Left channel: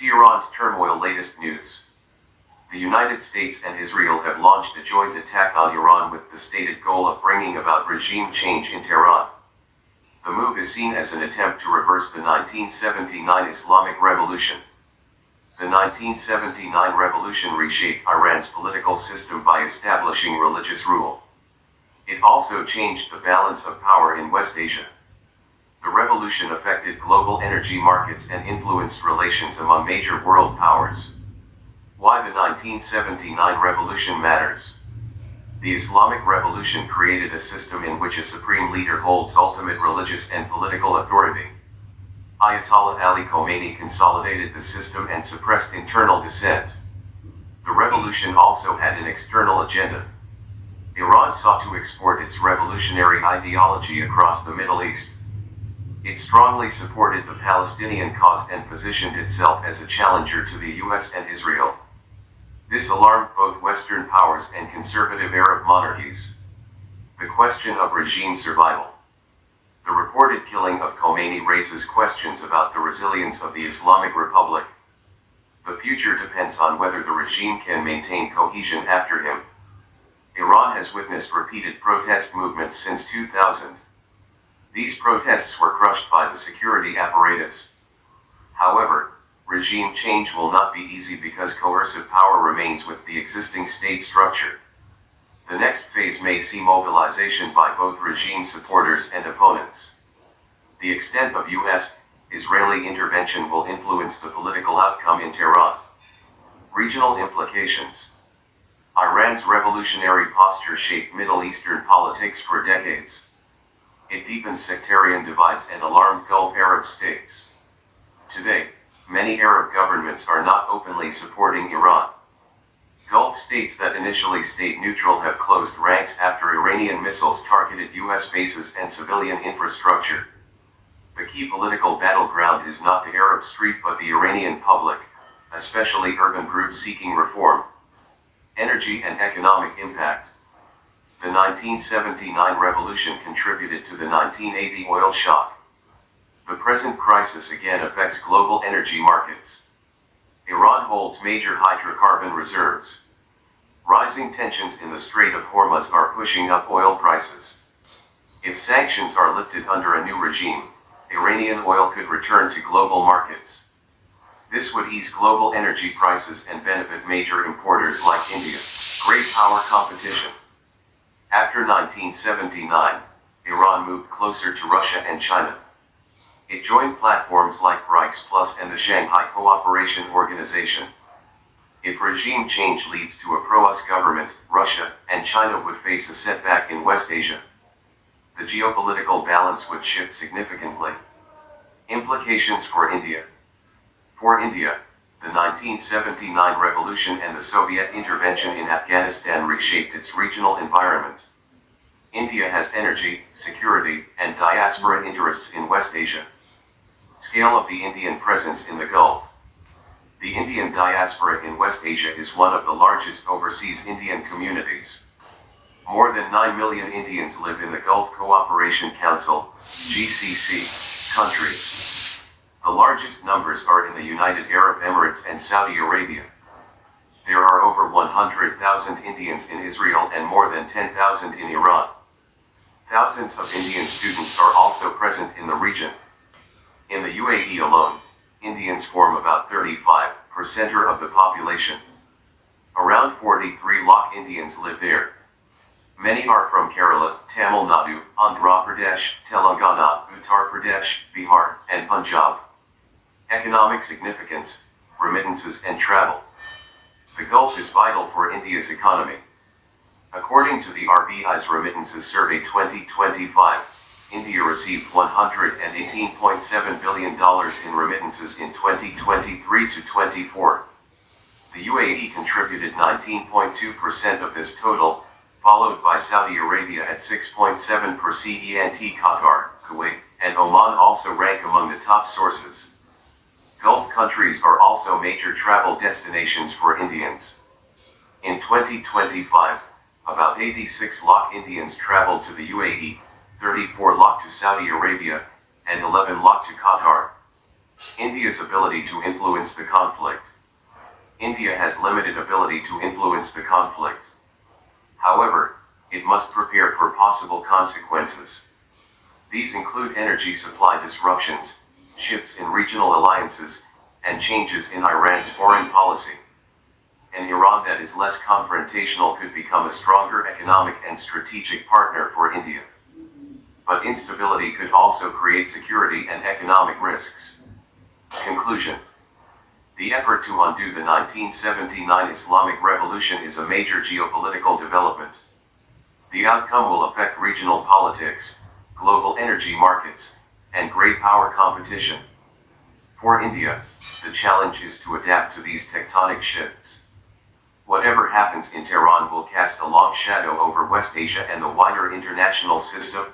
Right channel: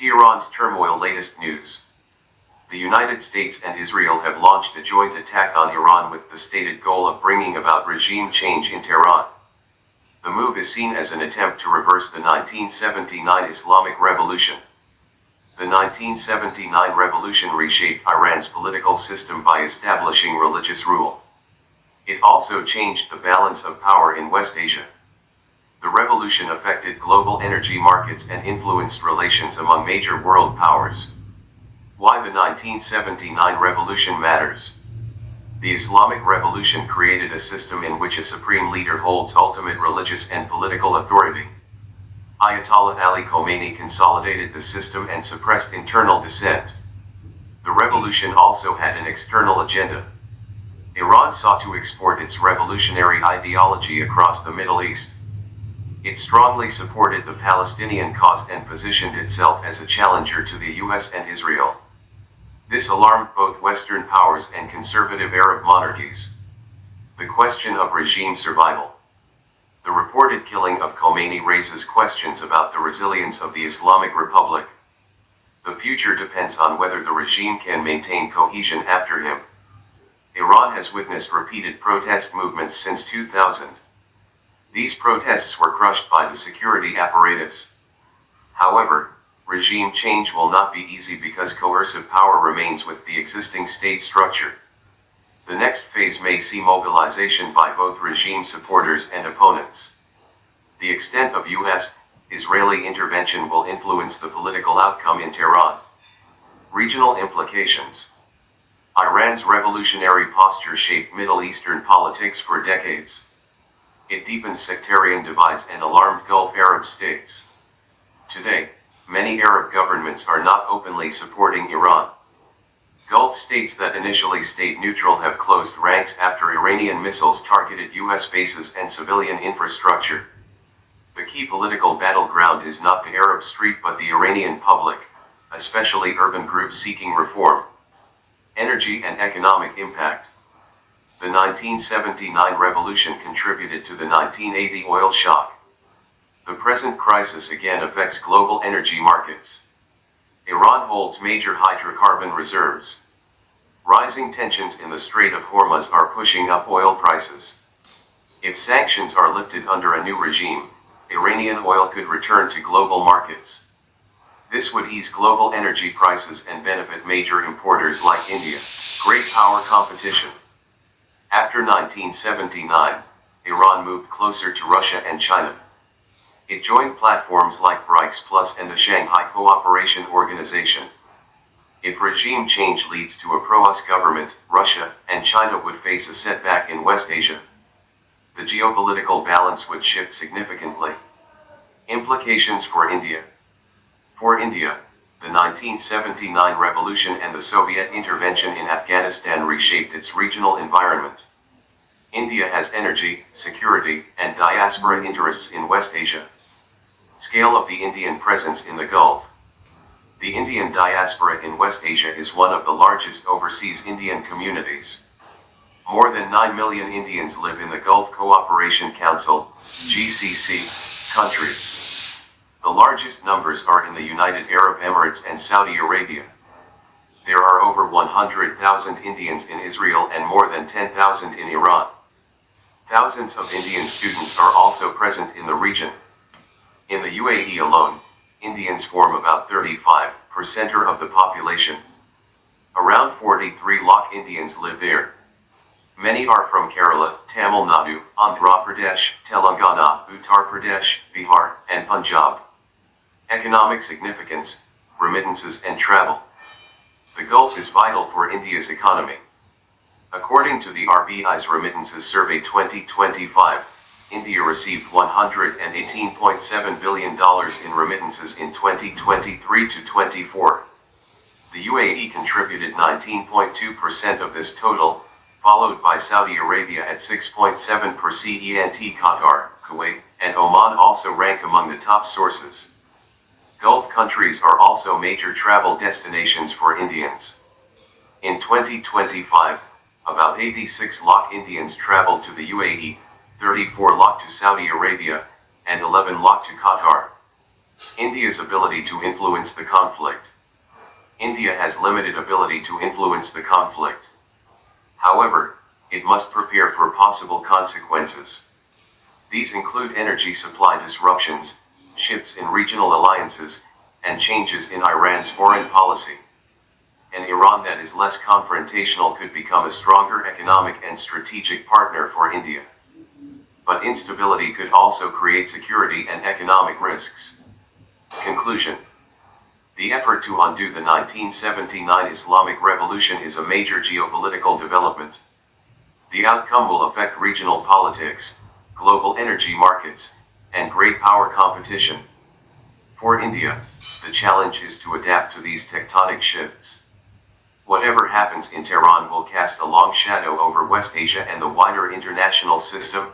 Tehran's turmoil. Latest news. The United States and Israel have launched a joint attack on Iran with the stated goal of bringing about regime change in Tehran. The move is seen as an attempt to reverse the 1979 Islamic Revolution. The 1979 revolution reshaped Iran's political system by establishing religious rule. It also changed the balance of power in West Asia. The revolution affected global energy markets and influenced relations among major world powers. Why the 1979 revolution matters. The Islamic Revolution created a system in which a supreme leader holds ultimate religious and political authority. Ayatollah Ali Khomeini consolidated the system and suppressed internal dissent. The revolution also had an external agenda. Iran sought to export its revolutionary ideology across the Middle East. It strongly supported the Palestinian cause and positioned itself as a challenger to the US and Israel. This alarmed both Western powers and conservative Arab monarchies. The question of regime survival. The reported killing of Khomeini raises questions about the resilience of the Islamic Republic. The future depends on whether the regime can maintain cohesion after him. Iran has witnessed repeated protest movements since 2000. These protests were crushed by the security apparatus. However, regime change will not be easy because coercive power remains with the existing state structure. The next phase may see mobilization by both regime supporters and opponents. The extent of US-Israeli intervention will influence the political outcome in Tehran. Regional implications. Iran's revolutionary posture shaped Middle Eastern politics for decades. It deepened sectarian divides and alarmed Gulf Arab states. Today, many Arab governments are not openly supporting Iran. Gulf states that initially stayed neutral have closed ranks after Iranian missiles targeted US bases and civilian infrastructure. The key political battleground is not the Arab street but the Iranian public, especially urban groups seeking reform. Energy and economic impact. The 1979 revolution contributed to the 1980 oil shock. The present crisis again affects global energy markets. Iran holds major hydrocarbon reserves. Rising tensions in the Strait of Hormuz are pushing up oil prices. If sanctions are lifted under a new regime, Iranian oil could return to global markets. This would ease global energy prices and benefit major importers like India. Great power competition. After 1979, Iran moved closer to Russia and China. It joined platforms like BRICS Plus and the Shanghai Cooperation Organization. If regime change leads to a pro-US government, Russia and China would face a setback in West Asia. The geopolitical balance would shift significantly. Implications for India. For India, the 1979 revolution and the Soviet intervention in Afghanistan reshaped its regional environment. India has energy, security, and diaspora interests in West Asia. Scale of the Indian presence in the Gulf. The Indian diaspora in West Asia is one of the largest overseas Indian communities. More than 9 million Indians live in the Gulf Cooperation Council, GCC, countries. The largest numbers are in the United Arab Emirates and Saudi Arabia. There are over 100,000 Indians in Israel and more than 10,000 in Iran. Thousands of Indian students are also present in the region. In the UAE alone, Indians form about 35% of the population. Around 43 lakh Indians live there. Many are from Kerala, Tamil Nadu, Andhra Pradesh, Telangana, Uttar Pradesh, Bihar, and Punjab. Economic significance, remittances and travel. The Gulf is vital for India's economy. According to the RBI's Remittances Survey 2025, India received $118.7 billion in remittances in 2023 to 24. The UAE contributed 19.2% of this total, followed by Saudi Arabia at 6.7%. Qatar, Kuwait, and Oman also rank among the top sources. Gulf countries are also major travel destinations for Indians. In 2025, about 86 lakh Indians traveled to the UAE, 34 lakh to Saudi Arabia, and 11 lakh to Qatar. India's ability to influence the conflict. India has limited ability to influence the conflict. However, it must prepare for possible consequences. These include energy supply disruptions, shifts in regional alliances, and changes in Iran's foreign policy. An Iran that is less confrontational could become a stronger economic and strategic partner for India. But instability could also create security and economic risks. Conclusion. The effort to undo the 1979 Islamic Revolution is a major geopolitical development. The outcome will affect regional politics, global energy markets, and great power competition. For India, the challenge is to adapt to these tectonic shifts. Whatever happens in Tehran will cast a long shadow over West Asia and the wider international system,